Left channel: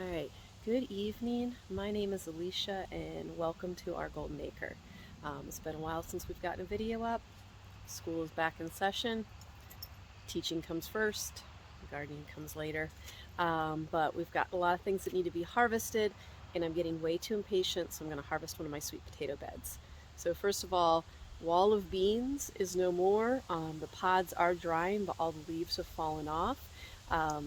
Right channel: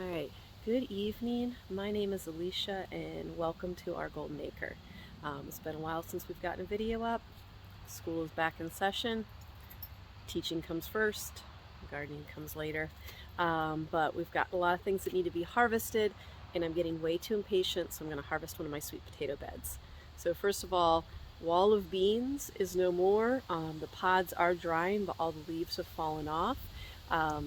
All right, good evening. My name is Alicia and welcome to our Golden Acre. It's been a while since we've gotten a video up. School is back in session. Teaching comes first, gardening comes later. But we've got a lot of things that need to be harvested and I'm getting way too impatient, so I'm going to harvest one of my sweet potato beds. So first of all, wall of beans is no more. The pods are drying, but all the leaves have fallen off.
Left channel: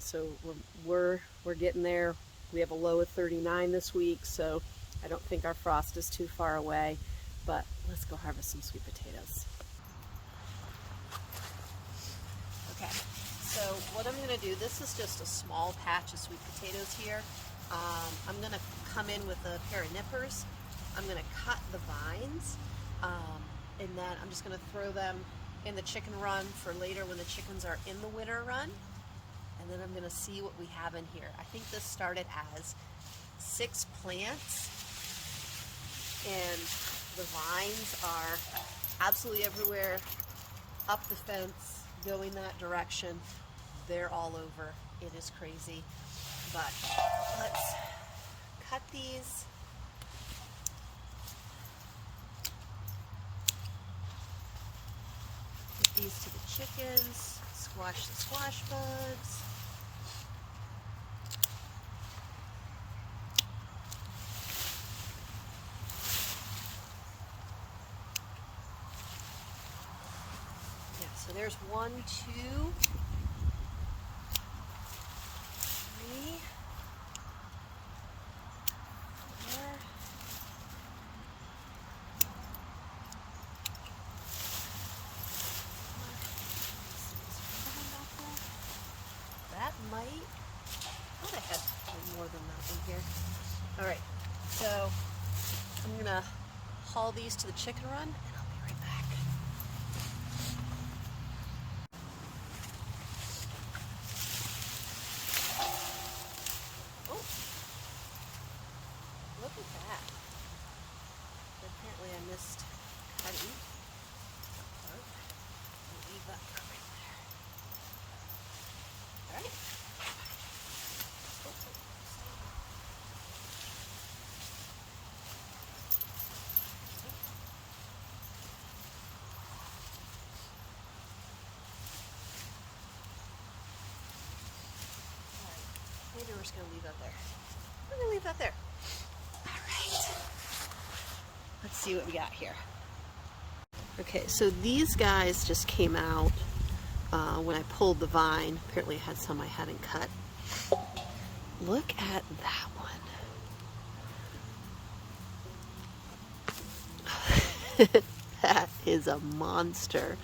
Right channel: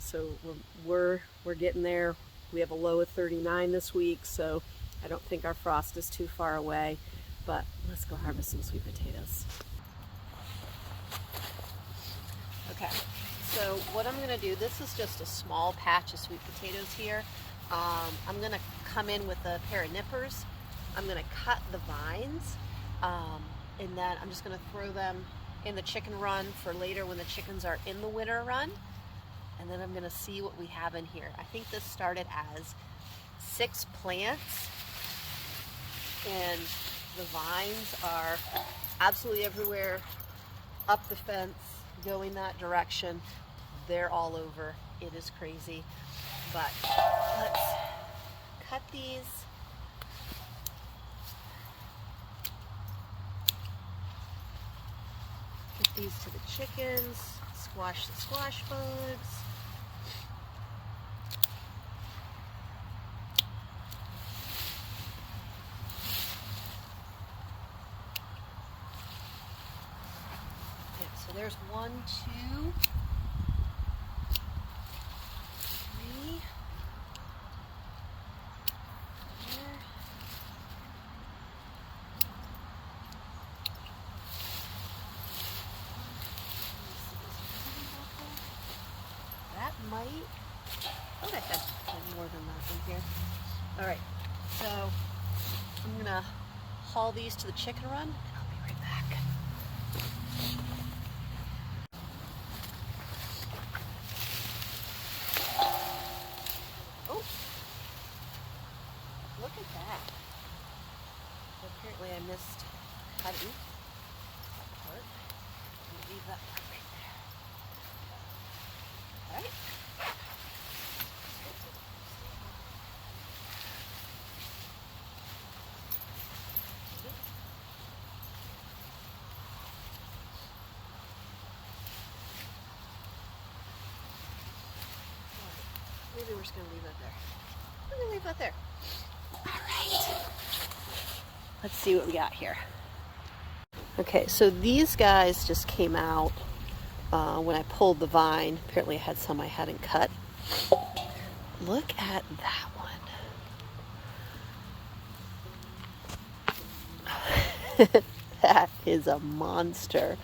So we're getting there. We have a low of 39 this week, so I don't think our frost is too far away. But let's go harvest some sweet potatoes. Okay, so what I'm going to do, this is just a small patch of sweet potatoes here. I'm going to come in with a pair of nippers. I'm going to cut the vines, and then I'm just going to throw them in the chicken run for later when the chickens are in the winter run. And then I'm going to see what we have in here. I think this started as 6 plants, and the vines are absolutely everywhere, up the fence, going that direction. They're all over. It is crazy. But let's cut these. Get these to the chickens. Squash the squash bugs. Yeah, so there's 1, 2, 3, 4. That might, I thought I had more than that in here. All right, so I'm gonna haul these to the chicken run and I'll be right back. Oh, look at that. Apparently I missed cutting that part. I'm gonna leave that part right there. All right. Maybe we're just gonna leave that there. We're gonna leave that there. All right. Let's see what we got here. Okay, so these guys just came out when I pulled the vine. Apparently I had some I hadn't cut. Look at that one. That is a monster.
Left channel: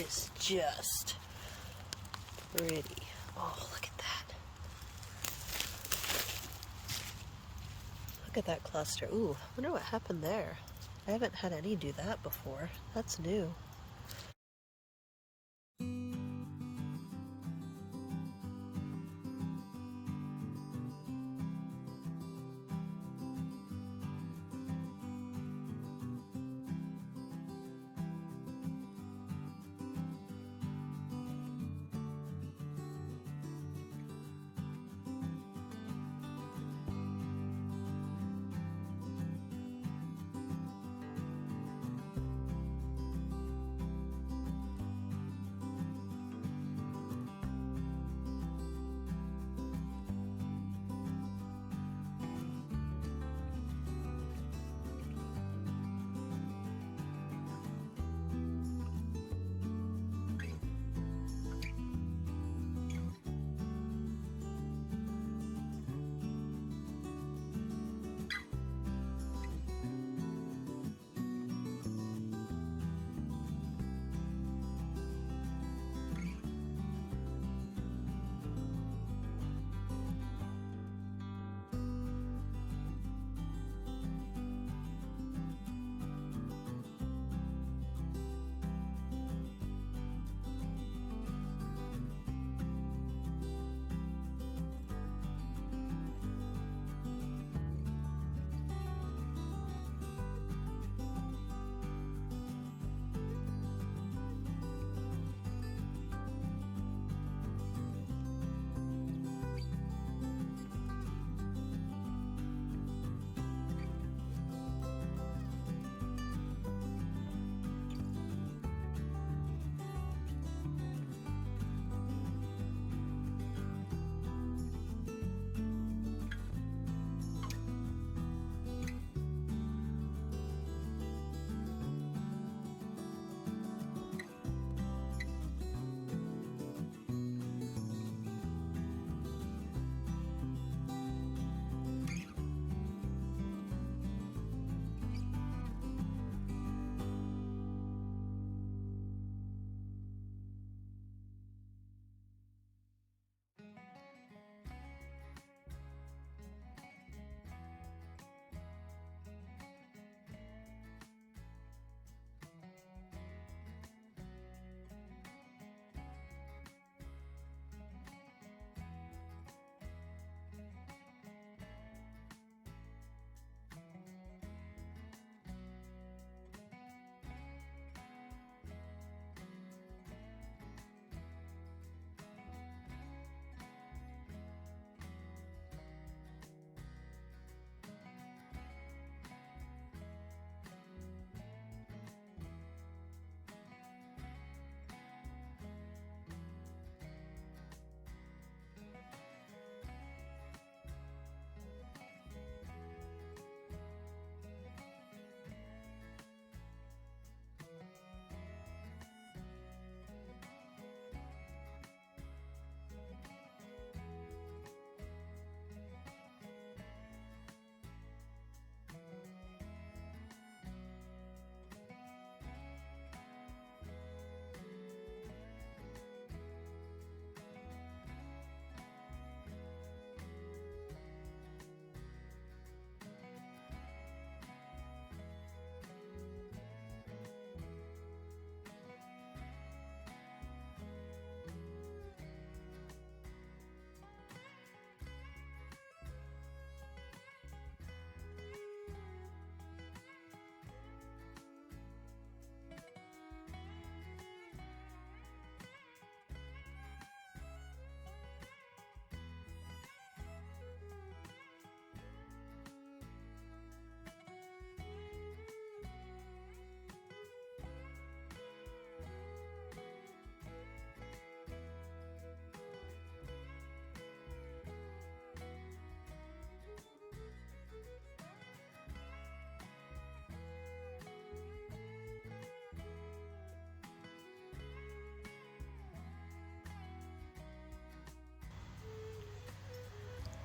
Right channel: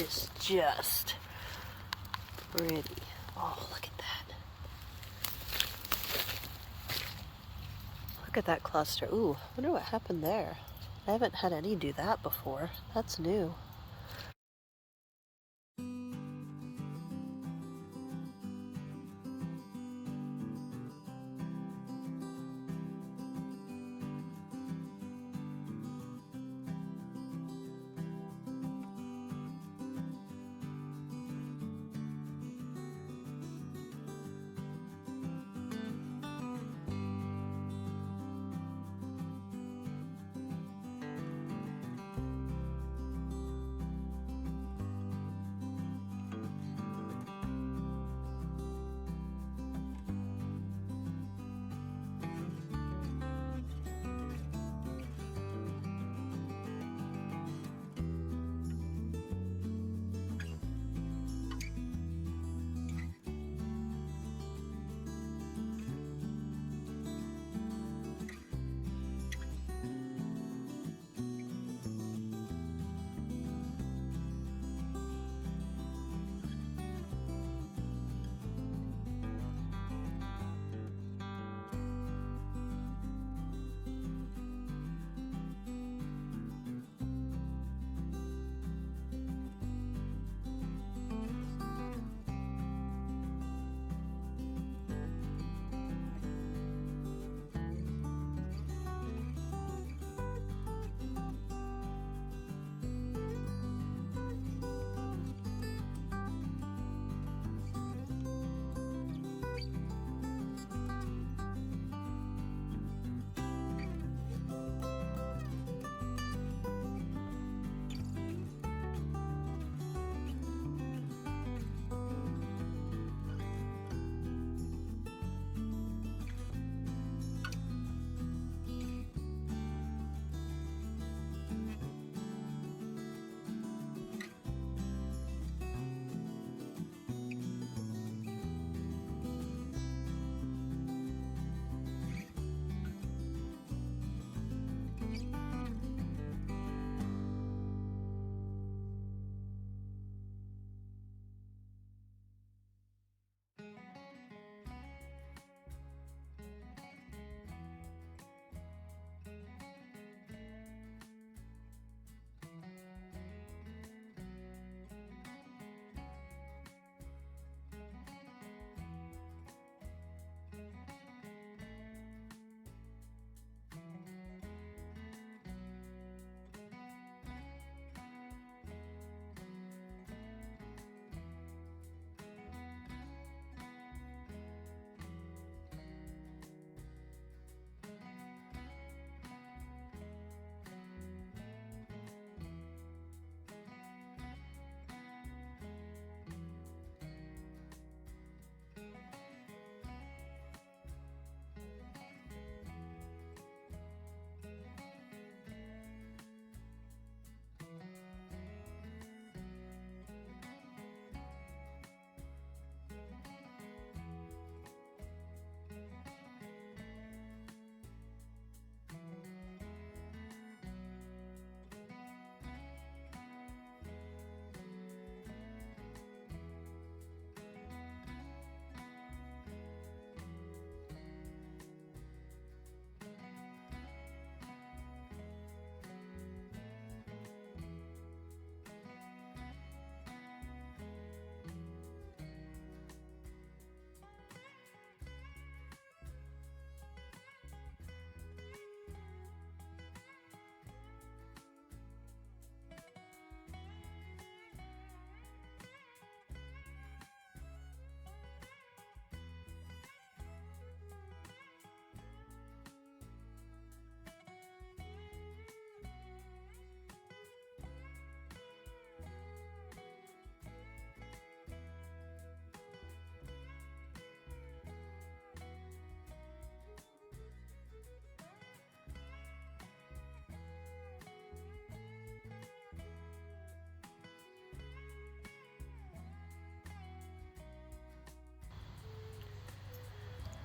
is just pretty. Oh, look at that. Look at that cluster. Ooh, I wonder what happened there. I haven't had any do that before. That's new.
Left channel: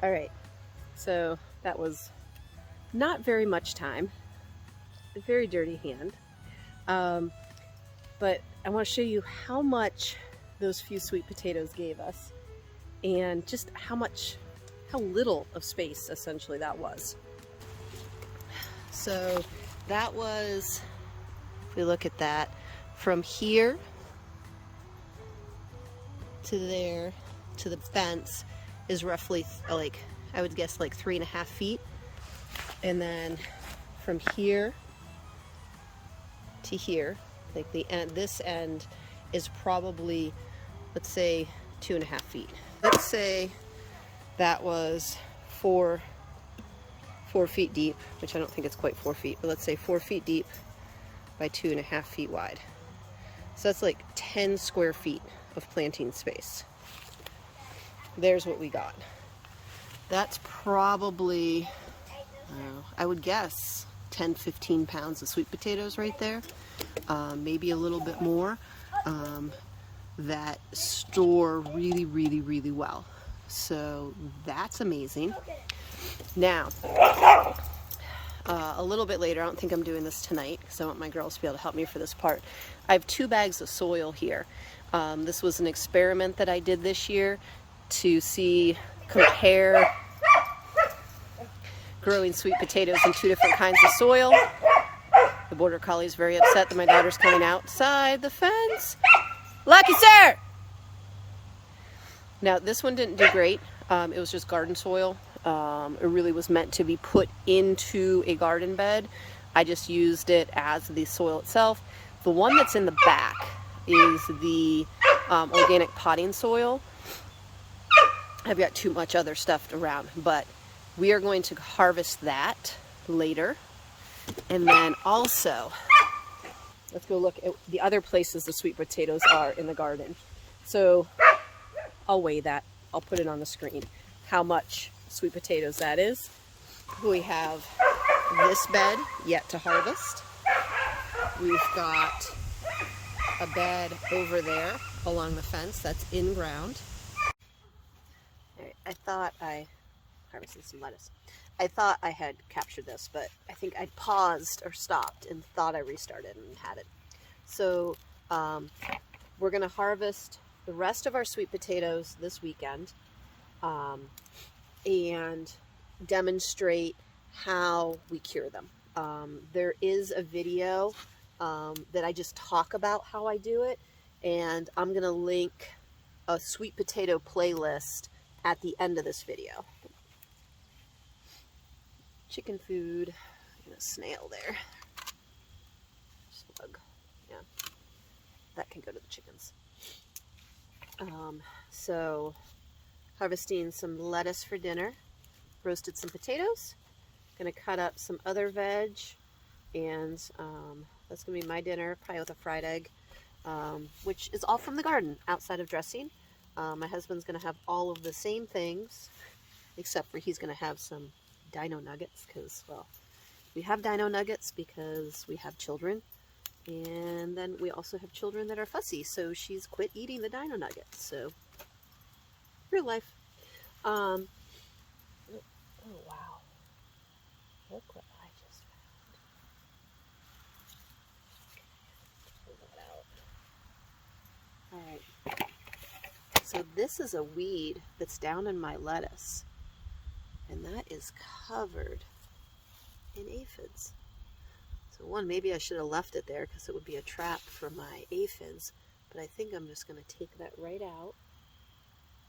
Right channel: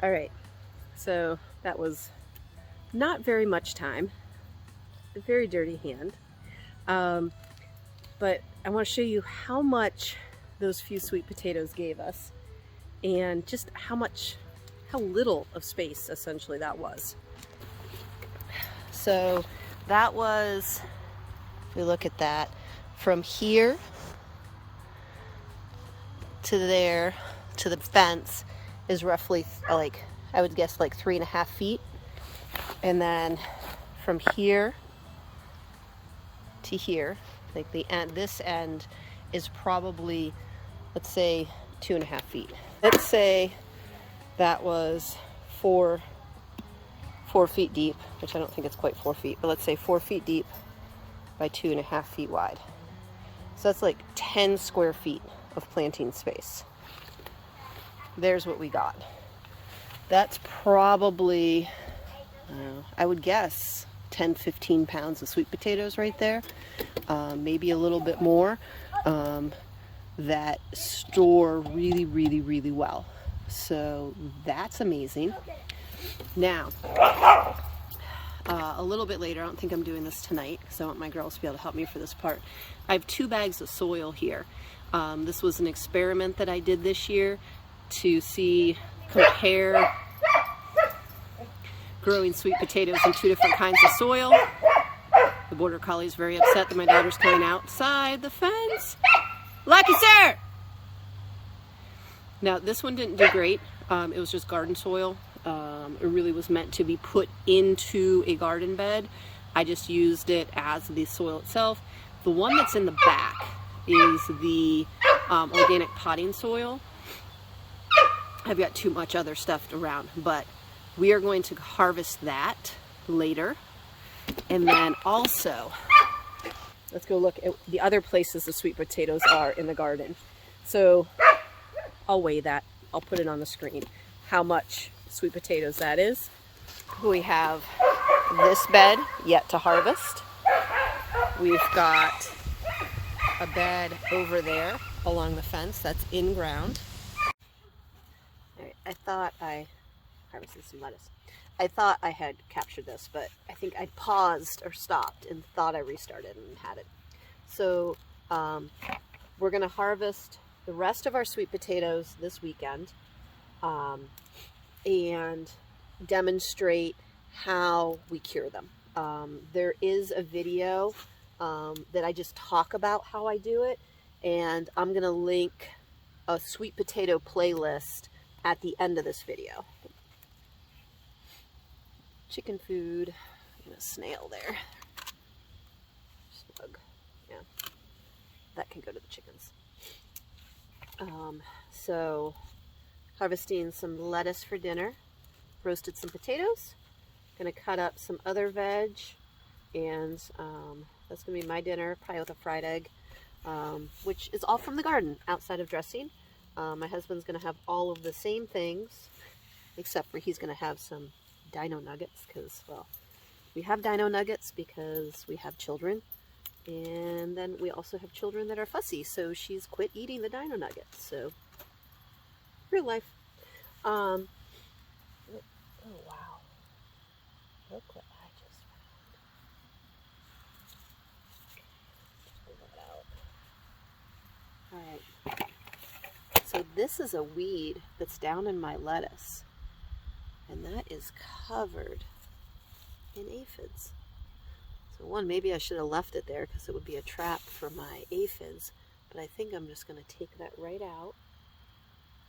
All right, so that was not very much time, a very dirty hand. but I want to show you how much those few sweet potatoes gave us, and just how little of space essentially that was. So that was, if we look at that, from here to there to the fence is roughly, like, I would guess like 3.5 feet. And then from here to here, like the end, this end is probably, let's say 2.5 feet. Let's say that was 4 feet deep, which I don't think it's quite 4 feet, but let's say 4 feet deep by 2.5 feet wide. So that's like 10 square feet of planting space. There's what we got. That's probably, I would guess 10-15 pounds of sweet potatoes right there, maybe a little bit more, that store really, really, really well. So that's amazing. Now, a little bit later, I don't think I'm doing this tonight because I want my girls to be able to help me for this part. I have 2 bags of soil here. This was an experiment that I did this year to compare growing sweet potatoes in 2 different kinds of soil. The border collie is very upset that my daughter's coming outside the fence. Lucky sir! Now this one didn't do great. It was just garden soil. It really was meant to be put into a garden bed. I just used it as the soil itself. The one that's in the back is the organic potting soil. I've got too much other stuff around, but we are going to harvest that later. And then also, let's go look at the other places the sweet potatoes are in the garden. So I'll weigh that. I'll put it on the screen, how much sweet potatoes that is. We have this bed yet to harvest. We've got a bed over there along the fence that's in ground. I thought I harvested some lettuce. I thought I had captured this, but I think I paused or stopped and thought I restarted and had it. So we're going to harvest the rest of our sweet potatoes this weekend and demonstrate how we cure them. There is a video that I just talk about how I do it, and I'm going to link a sweet potato playlist at the end of this video. Chicken food, and a snail there. Slug, yeah, that can go to the chickens. So harvesting some lettuce for dinner, roasted some potatoes, gonna cut up some other veg, and that's gonna be my dinner, probably with a fried egg, which is all from the garden outside of dressing. My husband's going to have all of the same things, except for he's going to have some dino nuggets, because, well, we have dino nuggets because we have children, and then we also have children that are fussy, so she's quit eating the dino nuggets. So real life. Oh wow, look what I just found. Okay, pull that out. All right. So this is a weed that's down in my lettuce, and that is covered in aphids. So one, maybe I should have left it there because it would be a trap for my aphids, but I think I'm just going to take that right out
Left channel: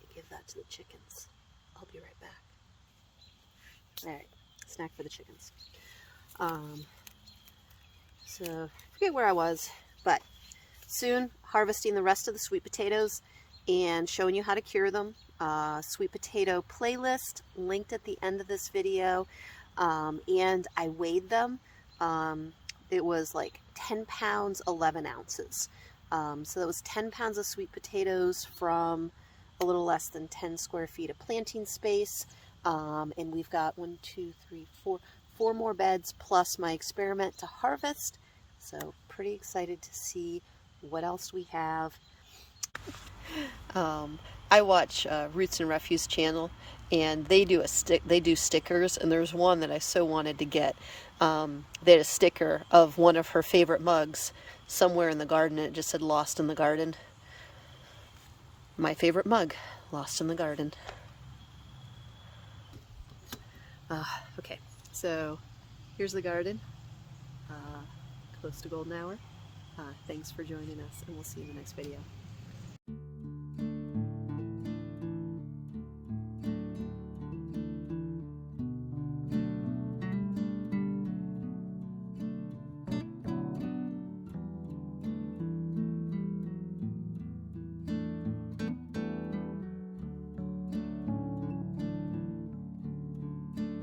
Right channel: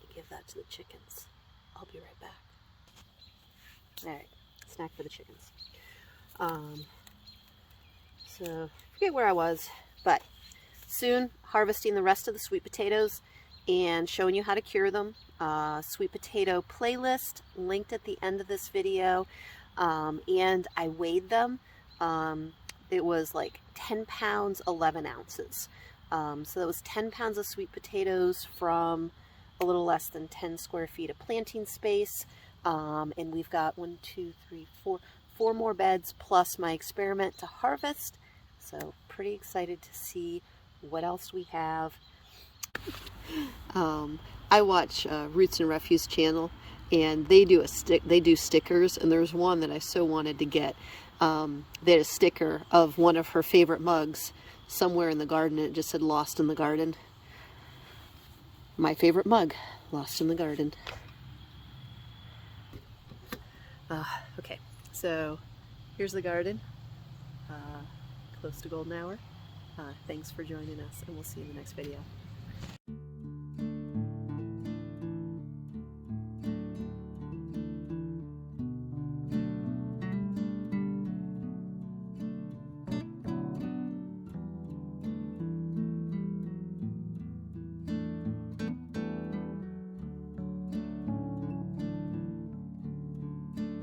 and give that to the chickens. I'll be right back. All right, snack for the chickens. So forget where I was, but soon harvesting the rest of the sweet potatoes and showing you how to cure them. Sweet potato playlist linked at the end of this video, and I weighed them. It was like 10 pounds 11 ounces, so that was 10 pounds of sweet potatoes from a little less than 10 square feet of planting space, and we've got 4 more beds plus my experiment to harvest, so pretty excited to see what else we have. I watch Roots and Refuse channel, and they do stickers, and there's one that I so wanted to get. They had a sticker of one of her favorite mugs somewhere in the garden and it just said lost in the garden. My favorite mug, lost in the garden. Okay, so here's the garden, close to golden hour. Thanks for joining us, and we'll see you in the next video.